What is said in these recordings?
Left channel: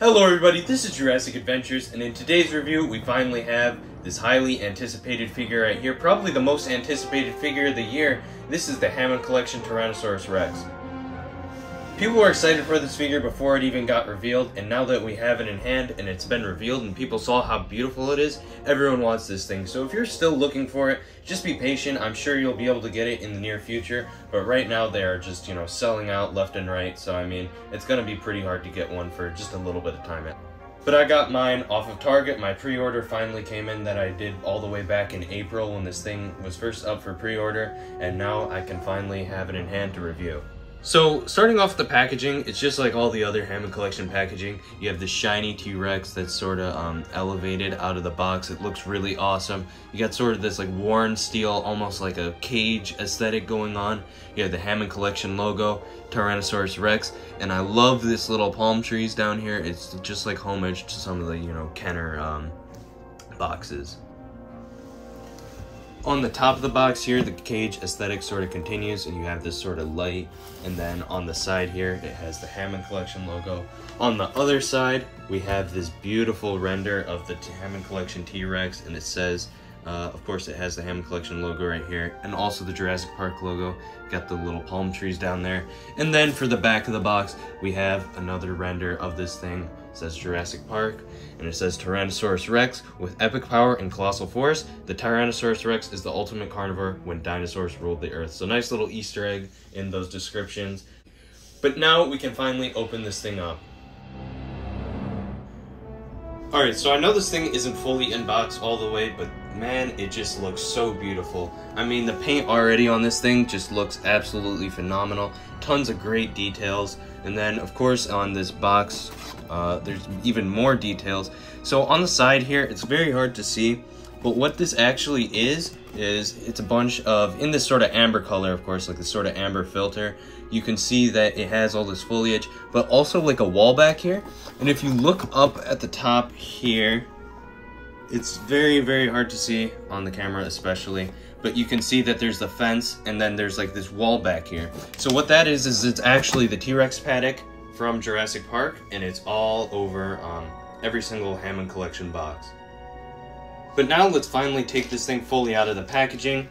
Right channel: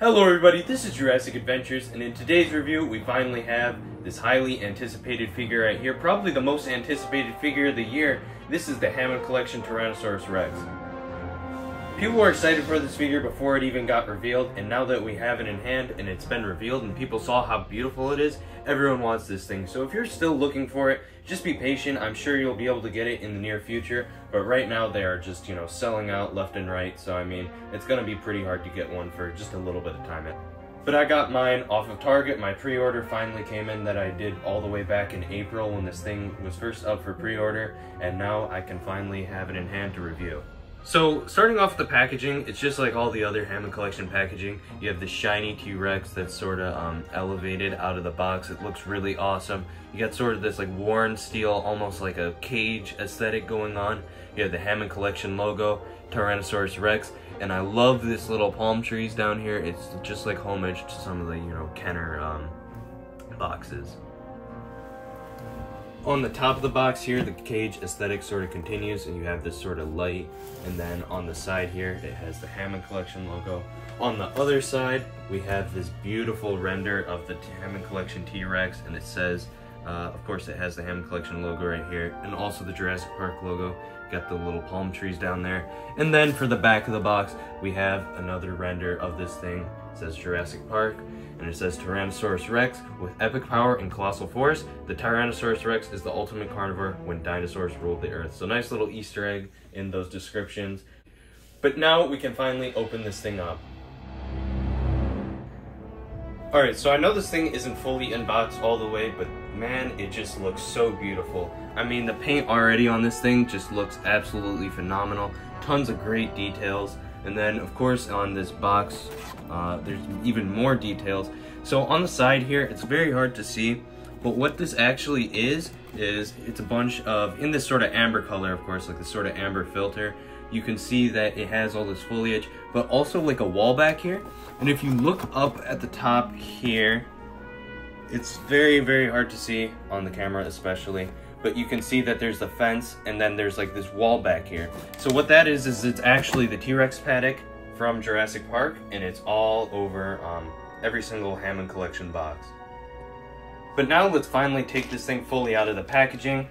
Hello everybody, this is Jurassic Adventures, and in today's review we finally have this highly anticipated figure right here, probably the most anticipated figure of the year. This is the Hammond Collection Tyrannosaurus Rex. People were excited for this figure before it even got revealed, and now that we have it in hand and it's been revealed and people saw how beautiful it is, everyone wants this thing. So if you're still looking for it, just be patient. I'm sure you'll be able to get it in the near future, but right now they are just, selling out left and right. So I mean, it's gonna be pretty hard to get one for just a little bit of time. But I got mine off of Target. My pre-order finally came in that I did all the way back in April when this thing was first up for pre-order, and now I can finally have it in hand to review. So, starting off the packaging, it's just like all the other Hammond Collection packaging. You have this shiny T-Rex that's sort of elevated out of the box. It looks really awesome. You got sort of this like worn steel, almost like a cage aesthetic going on. You have the Hammond Collection logo, Tyrannosaurus Rex, and I love this little palm trees down here. It's just like homage to some of the, Kenner boxes. On the top of the box here, the cage aesthetic sort of continues, and you have this sort of light, and then on the side here, it has the Hammond Collection logo. On the other side, we have this beautiful render of the Hammond Collection T-Rex, and it says, of course, it has the Hammond Collection logo right here, and also the Jurassic Park logo. Got the little palm trees down there. And then for the back of the box, we have another render of this thing. It says Jurassic Park, and it says Tyrannosaurus Rex with epic power and colossal force. The Tyrannosaurus Rex is the ultimate carnivore when dinosaurs ruled the earth. So nice little Easter egg in those descriptions. But now we can finally open this thing up. Alright, so I know this thing isn't fully unboxed all the way, but man, it just looks so beautiful. I mean, the paint already on this thing just looks absolutely phenomenal. Tons of great details. And then, of course, on this box, there's even more details. So on the side here, it's very hard to see, but what this actually is it's a bunch of, in this sort of amber color, of course, like this sort of amber filter. You can see that it has all this foliage, but also like a wall back here. And if you look up at the top here, it's very, very hard to see on the camera especially, but you can see that there's the fence, and then there's like this wall back here. So what that is it's actually the T-Rex paddock from Jurassic Park, and it's all over every single Hammond Collection box. But now let's finally take this thing fully out of the packaging.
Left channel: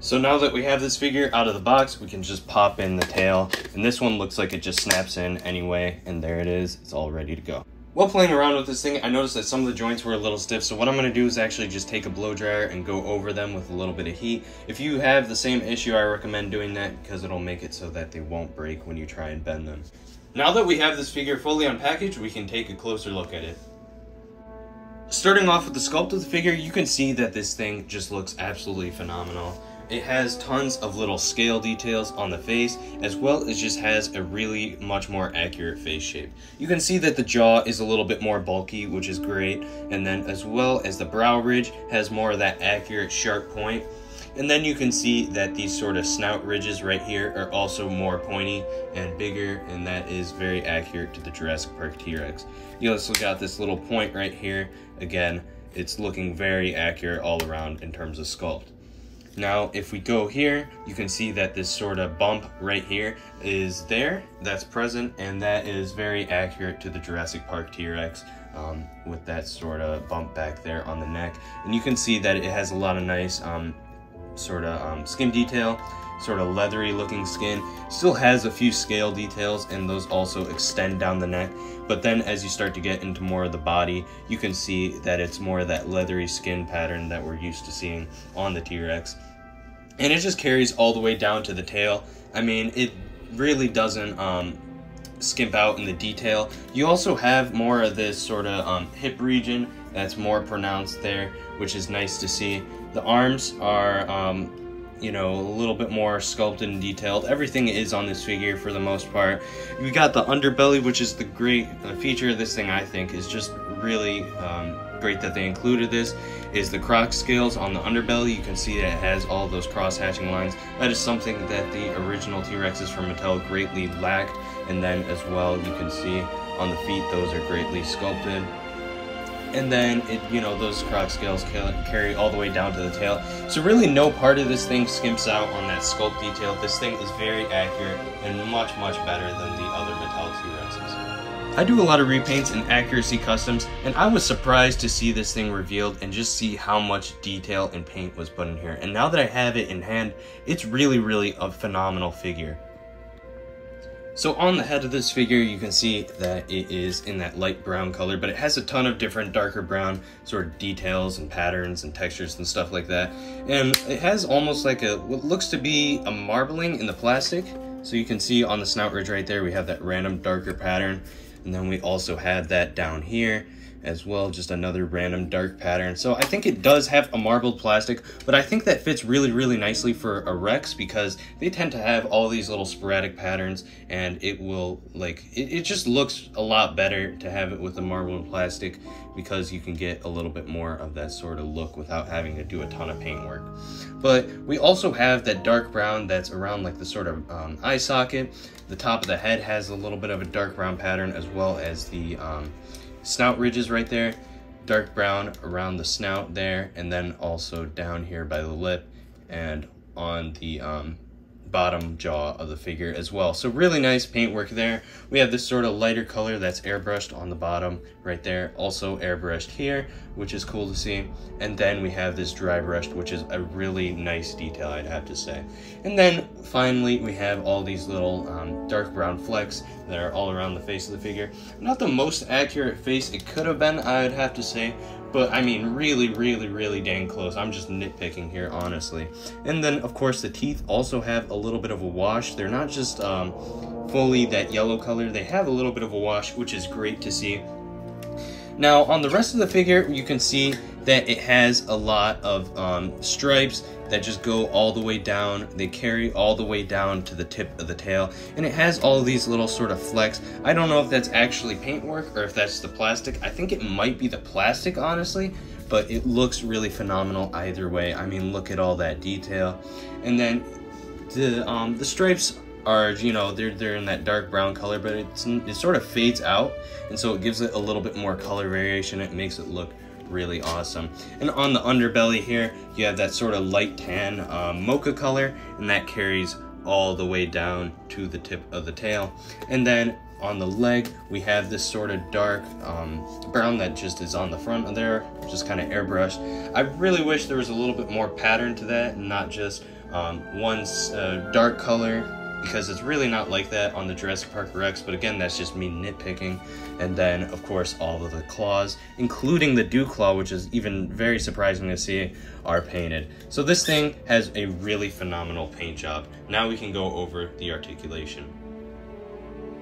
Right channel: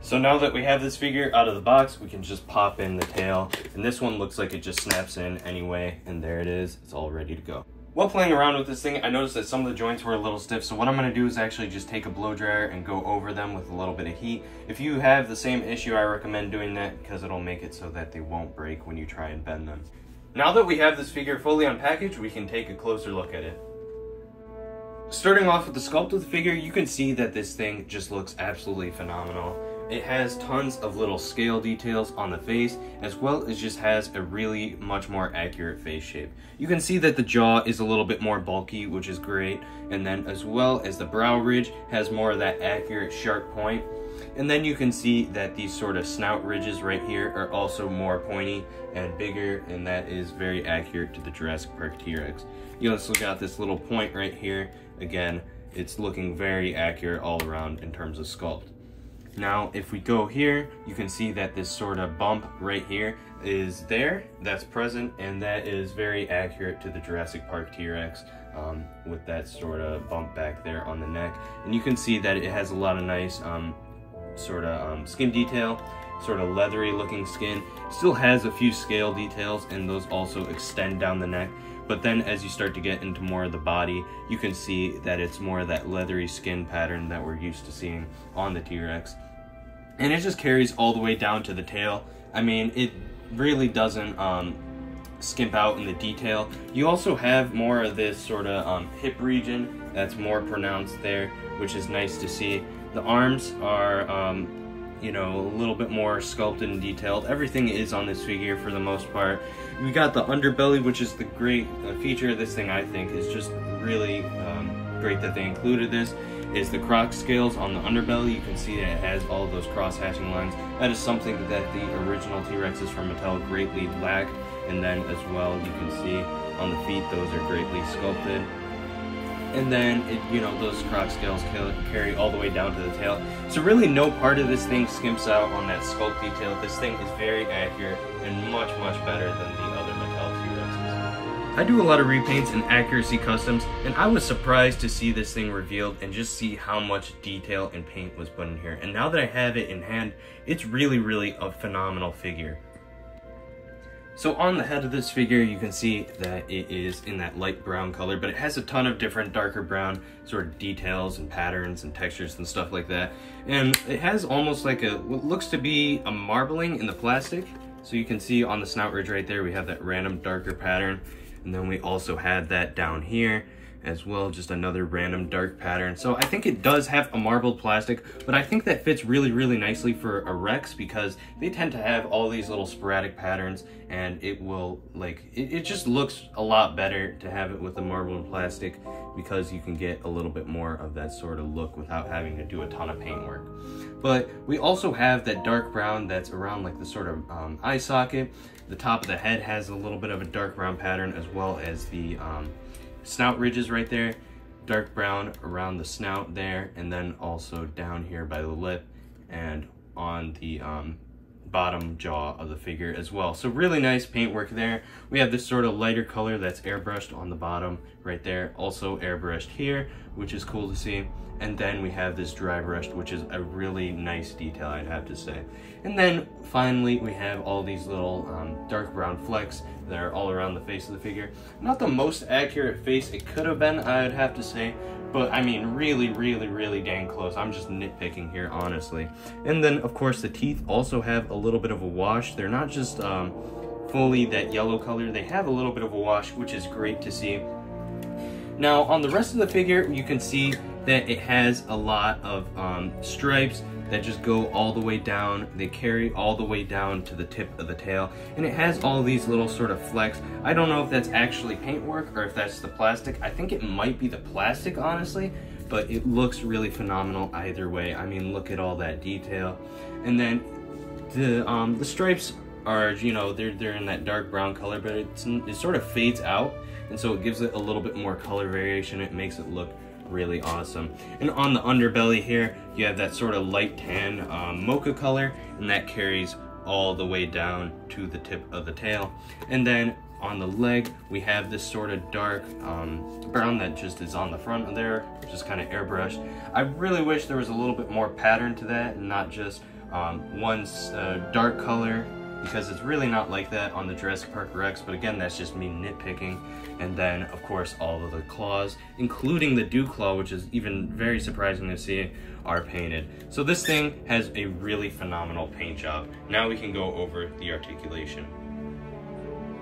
So now that we have this figure out of the box, we can just pop in the tail, and this one looks like it just snaps in anyway, and there it is, it's all ready to go. While playing around with this thing, I noticed that some of the joints were a little stiff, so what I'm going to do is actually just take a blow dryer and go over them with a little bit of heat. If you have the same issue, I recommend doing that because it'll make it so that they won't break when you try and bend them. Now that we have this figure fully unpackaged, we can take a closer look at it. Starting off with the sculpt of the figure, you can see that this thing just looks absolutely phenomenal. It has tons of little scale details on the face, as well as just has a really much more accurate face shape. You can see that the jaw is a little bit more bulky, which is great, and then as well as the brow ridge has more of that accurate sharp point. And then you can see that these sort of snout ridges right here are also more pointy and bigger, and that is very accurate to the Jurassic Park T-Rex. You also got this little point right here. Again, it's looking very accurate all around in terms of sculpt. Now, if we go here, you can see that this sort of bump right here is there, that's present, and that is very accurate to the Jurassic Park T-Rex with that sort of bump back there on the neck. And you can see that it has a lot of nice skin detail, sort of leathery looking skin. Still has a few scale details, and those also extend down the neck. But then as you start to get into more of the body, you can see that it's more of that leathery skin pattern that we're used to seeing on the T-Rex. And it just carries all the way down to the tail. I mean, it really doesn't skimp out in the detail. You also have more of this sort of hip region that's more pronounced there, which is nice to see. The arms are a little bit more sculpted and detailed. Everything is on this figure for the most part. We got the underbelly, which is the great feature of this thing. I think is just really great that they included this, is the croc scales on the underbelly. You can see that it has all those cross-hatching lines. That is something that the original T-Rexes from Mattel greatly lacked. And then as well, you can see on the feet, those are greatly sculpted. And then, those croc scales carry all the way down to the tail. So really no part of this thing skimps out on that sculpt detail. This thing is very accurate and much, much better than the other Mattel T-Rexes. I do a lot of repaints and accuracy customs, and I was surprised to see this thing revealed and just see how much detail and paint was put in here. And now that I have it in hand, it's really a phenomenal figure. So on the head of this figure, you can see that it is in that light brown color, but it has a ton of different darker brown sort of details and patterns and textures and stuff like that. And it has almost like what looks to be a marbling in the plastic. So you can see on the snout ridge right there, we have that random darker pattern. And then we also had that down here as well, just another random dark pattern. So I think it does have a marbled plastic, but I think that fits really nicely for a Rex because they tend to have all these little sporadic patterns, and it will it just looks a lot better to have it with the marbled plastic because you can get a little bit more of that sort of look without having to do a ton of paint work. But we also have that dark brown that's around like the sort of eye socket. The top of the head has a little bit of a dark brown pattern, as well as the snout ridges right there, dark brown around the snout there, and then also down here by the lip and on the bottom jaw of the figure as well. So really nice paintwork there. We have this sort of lighter color that's airbrushed on the bottom right there, also airbrushed here, which is cool to see. And then we have this dry brushed, which is a really nice detail, I'd have to say. And then finally we have all these little dark brown flecks that are all around the face of the figure. Not the most accurate face it could have been, I'd have to say, but I mean really dang close. I'm just nitpicking here, honestly. And then of course the teeth also have a little bit of a wash. They're not just fully that yellow color, they have a little bit of a wash, which is great to see. Now on the rest of the figure, you can see that it has a lot of stripes that just go all the way down. They carry all the way down to the tip of the tail, and it has all these little sort of flecks. I don't know if that's actually paintwork or if that's the plastic. I think it might be the plastic, honestly, but it looks really phenomenal either way. I mean, look at all that detail. And then the stripes are, you know, they're in that dark brown color, but it sort of fades out, and so it gives it a little bit more color variation. It makes it look really awesome. And on the underbelly here, you have that sort of light tan mocha color, and that carries all the way down to the tip of the tail. And then on the leg, we have this sort of dark brown that just is on the front of there, which is kind of airbrushed. I really wish there was a little bit more pattern to that, and not just one dark color, because it's really not like that on the Jurassic Park Rex, but again, that's just me nitpicking. And then, of course, all of the claws, including the dew claw, which is even very surprising to see, are painted. So this thing has a really phenomenal paint job. Now we can go over the articulation.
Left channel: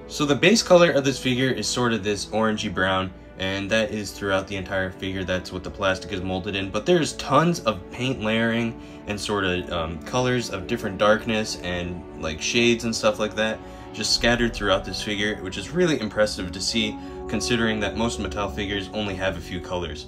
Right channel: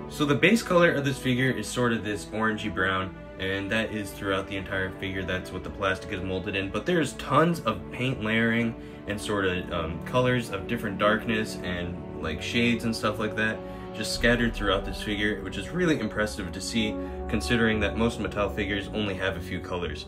So the base color of this figure is sort of this orangey brown, and that is throughout the entire figure. That's what the plastic is molded in, but there's tons of paint layering and sort of colors of different darkness and like shades and stuff like that just scattered throughout this figure, which is really impressive to see considering that most Mattel figures only have a few colors.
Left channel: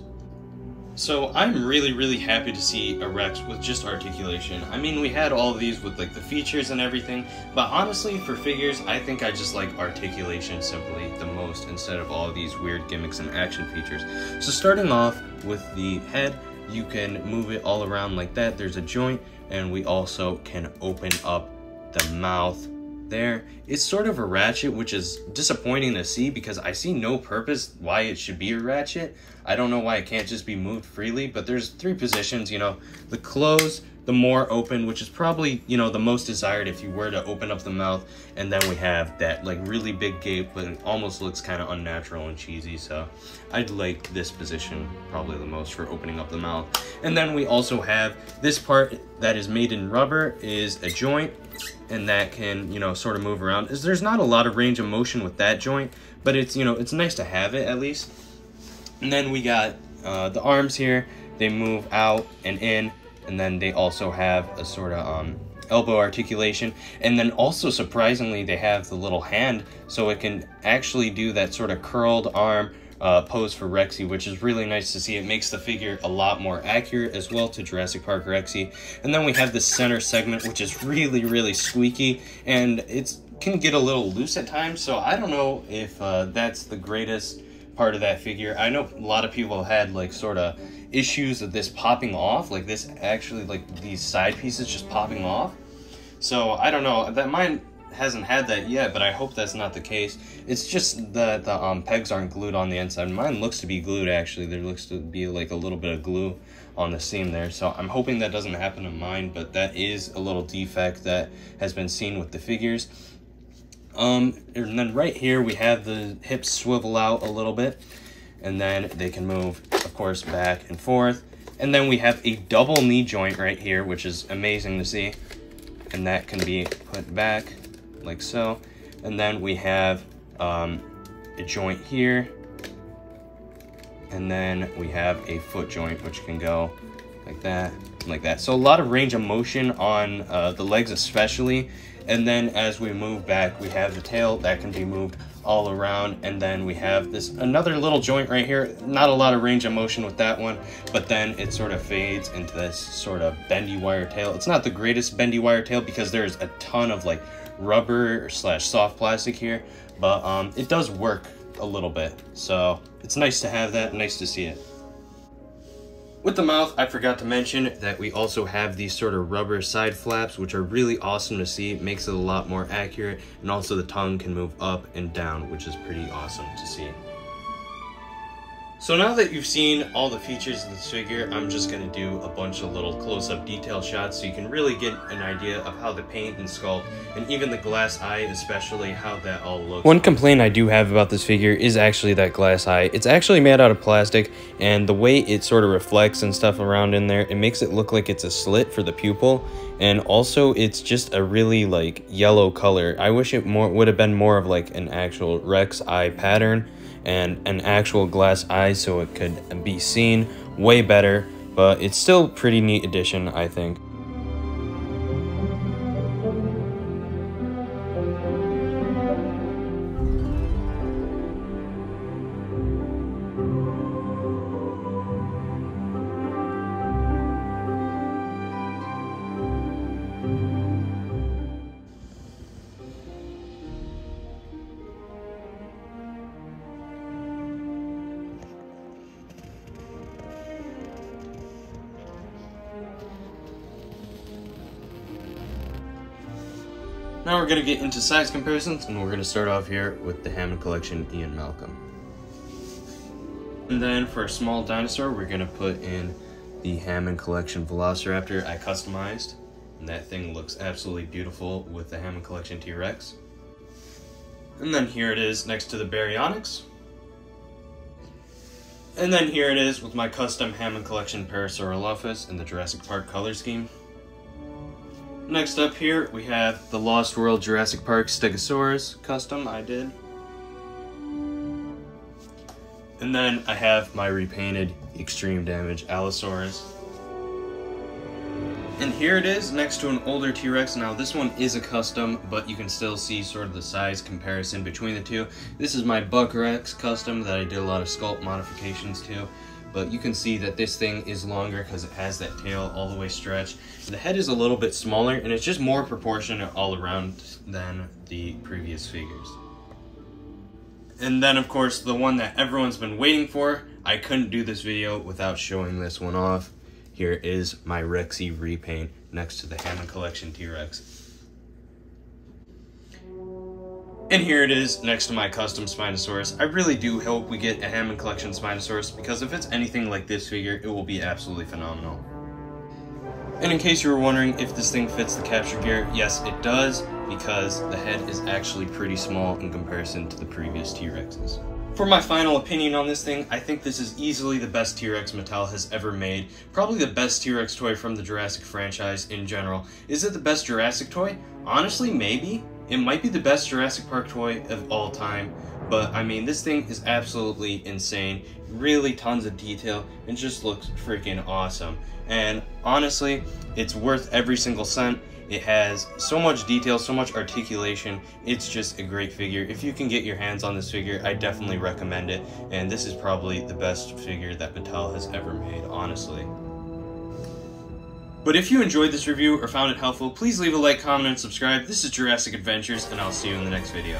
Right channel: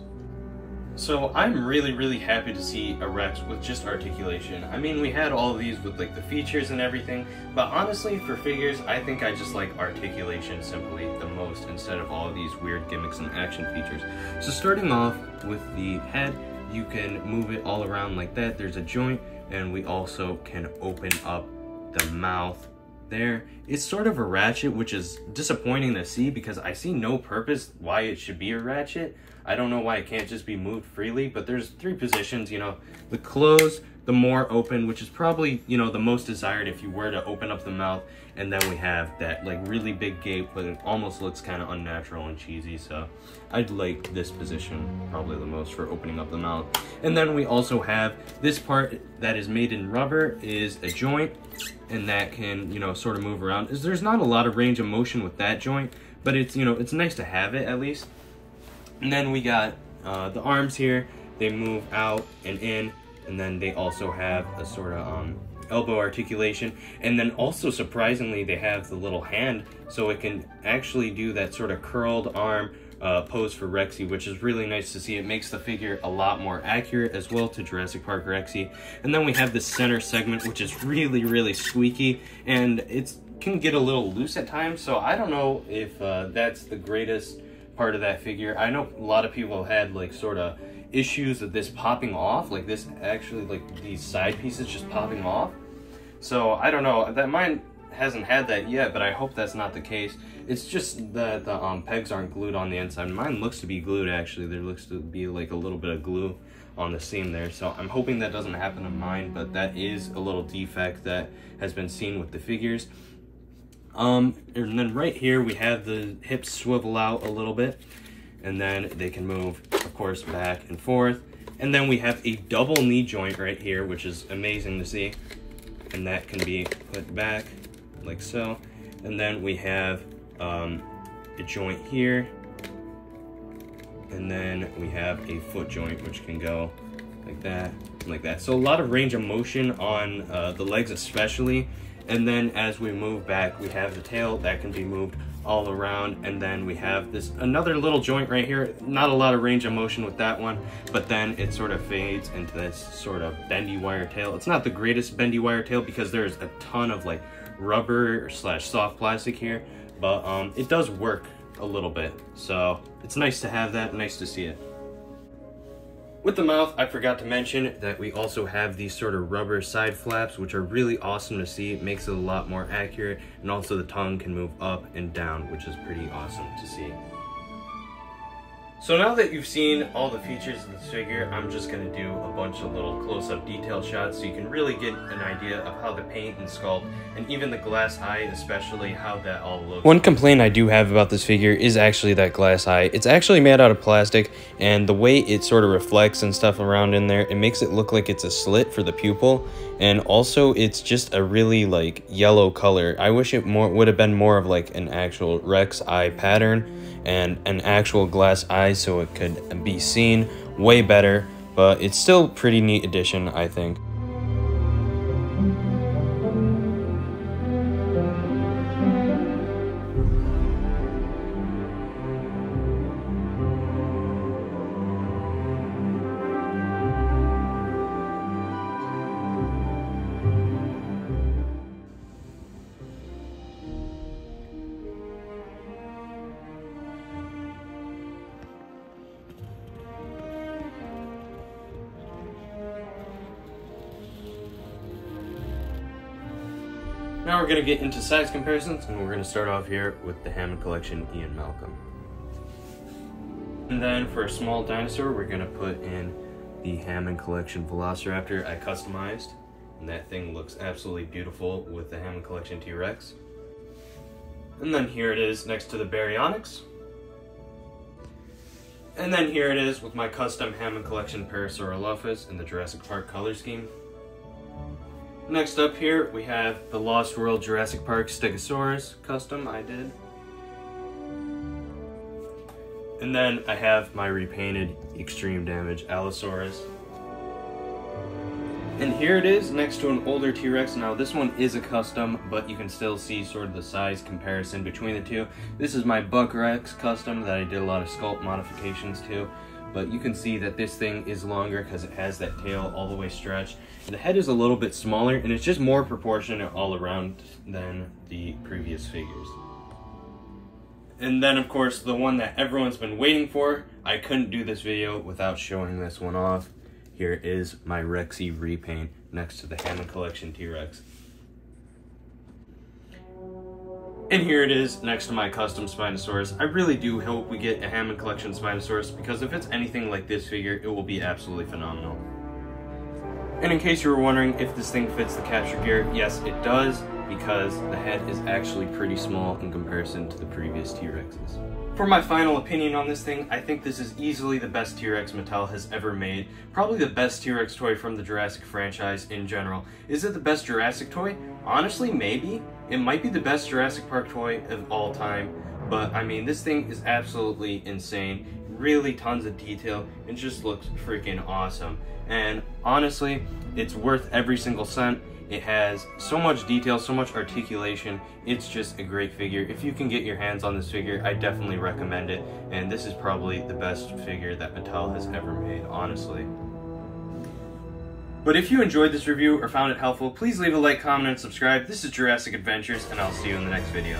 So I'm really happy to see a Rex with just articulation. I mean, we had all of these with like the features and everything, but honestly for figures, I think I just like articulation simply the most instead of all of these weird gimmicks and action features. So starting off with the head, you can move it all around like that. There's a joint, and we also can open up the mouth there. It's sort of a ratchet, which is disappointing to see because I see no purpose why it should be a ratchet. I don't know why it can't just be moved freely, but there's three positions, you know, the close, the more open, which is probably, you know, the most desired if you were to open up the mouth, and then we have that like really big gape, but it almost looks kind of unnatural and cheesy, so I'd like this position probably the most for opening up the mouth. And then we also have this part that is made in rubber is a joint, and that can, you know, sort of move around. There's not a lot of range of motion with that joint, but it's, you know, it's nice to have it at least. And then we got the arms here. They move out and in, and then they also have a sort of elbow articulation. And then also, surprisingly, they have the little hand, so it can actually do that sort of curled arm pose for Rexy, which is really nice to see. It makes the figure a lot more accurate as well to Jurassic Park Rexy. And then we have the center segment, which is really squeaky, and it can get a little loose at times, so I don't know if that's the greatest part of that figure. I know a lot of people had like sort of issues of this popping off, like this actually, like these side pieces just popping off. So I don't know, that mine hasn't had that yet, but I hope that's not the case. It's just that the pegs aren't glued on the inside. Mine looks to be glued, actually. There looks to be like a little bit of glue on the seam there, so I'm hoping that doesn't happen to mine, but that is a little defect that has been seen with the figures. And then right here we have the hips swivel out a little bit, and then they can move, of course, back and forth. And then we have a double knee joint right here, which is amazing to see, and that can be put back like so. And then we have a joint here, and then we have a foot joint which can go like that and like that. So a lot of range of motion on the legs especially. And then as we move back, we have the tail that can be moved all around, and then we have this another little joint right here. Not a lot of range of motion with that one, but then it sort of fades into this sort of bendy wire tail. It's not the greatest bendy wire tail because there's a ton of like rubber slash soft plastic here, but it does work a little bit, so it's nice to have that, nice to see it. With the mouth, I forgot to mention that we also have these sort of rubber side flaps, which are really awesome to see. It makes it a lot more accurate, and also the tongue can move up and down, which is pretty awesome to see. So now that you've seen all the features of this figure, I'm just going to do a bunch of little close-up detail shots so you can really get an idea of how the paint and sculpt, and even the glass eye especially, how that all looks. One complaint I do have about this figure is actually that glass eye. It's actually made out of plastic, and the way it sort of reflects and stuff around in there, it makes it look like it's a slit for the pupil, and also it's just a really like yellow color. I wish it would have been more of like an actual Rex eye pattern and an actual glass eye so it could be seen way better, but it's still a pretty neat addition, I think. Now we're going to get into size comparisons, and we're going to start off here with the Hammond Collection Ian Malcolm. And then for a small dinosaur, we're going to put in the Hammond Collection Velociraptor I customized. And that thing looks absolutely beautiful with the Hammond Collection T-Rex. And then here it is next to the Baryonyx. And then here it is with my custom Hammond Collection Parasaurolophus in the Jurassic Park color scheme. Next up here, we have the Lost World Jurassic Park Stegosaurus custom I did. And then I have my repainted Extreme Damage Allosaurus. And here it is next to an older T-Rex. Now this one is a custom, but you can still see sort of the size comparison between the two. This is my Buck Rex custom that I did a lot of sculpt modifications to. But you can see that this thing is longer because it has that tail all the way stretched. The head is a little bit smaller, and it's just more proportionate all around than the previous figures. And then, of course, the one that everyone's been waiting for. I couldn't do this video without showing this one off. Here is my Rexy repaint next to the Hammond Collection T-Rex. And here it is next to my custom Spinosaurus. I really do hope we get a Hammond Collection Spinosaurus, because if it's anything like this figure, it will be absolutely phenomenal. And in case you were wondering if this thing fits the capture gear, yes it does, because the head is actually pretty small in comparison to the previous T-Rexes. For my final opinion on this thing, I think this is easily the best T-Rex Mattel has ever made. Probably the best T-Rex toy from the Jurassic franchise in general. Is it the best Jurassic toy? Honestly, maybe. It might be the best Jurassic Park toy of all time, but I mean, this thing is absolutely insane. Really tons of detail, and just looks freaking awesome. And honestly, it's worth every single cent. It has so much detail, so much articulation. It's just a great figure. If you can get your hands on this figure, I definitely recommend it. And this is probably the best figure that Mattel has ever made, honestly. But if you enjoyed this review or found it helpful, please leave a like, comment, and subscribe. This is Jurassic Adventures, and I'll see you in the next video.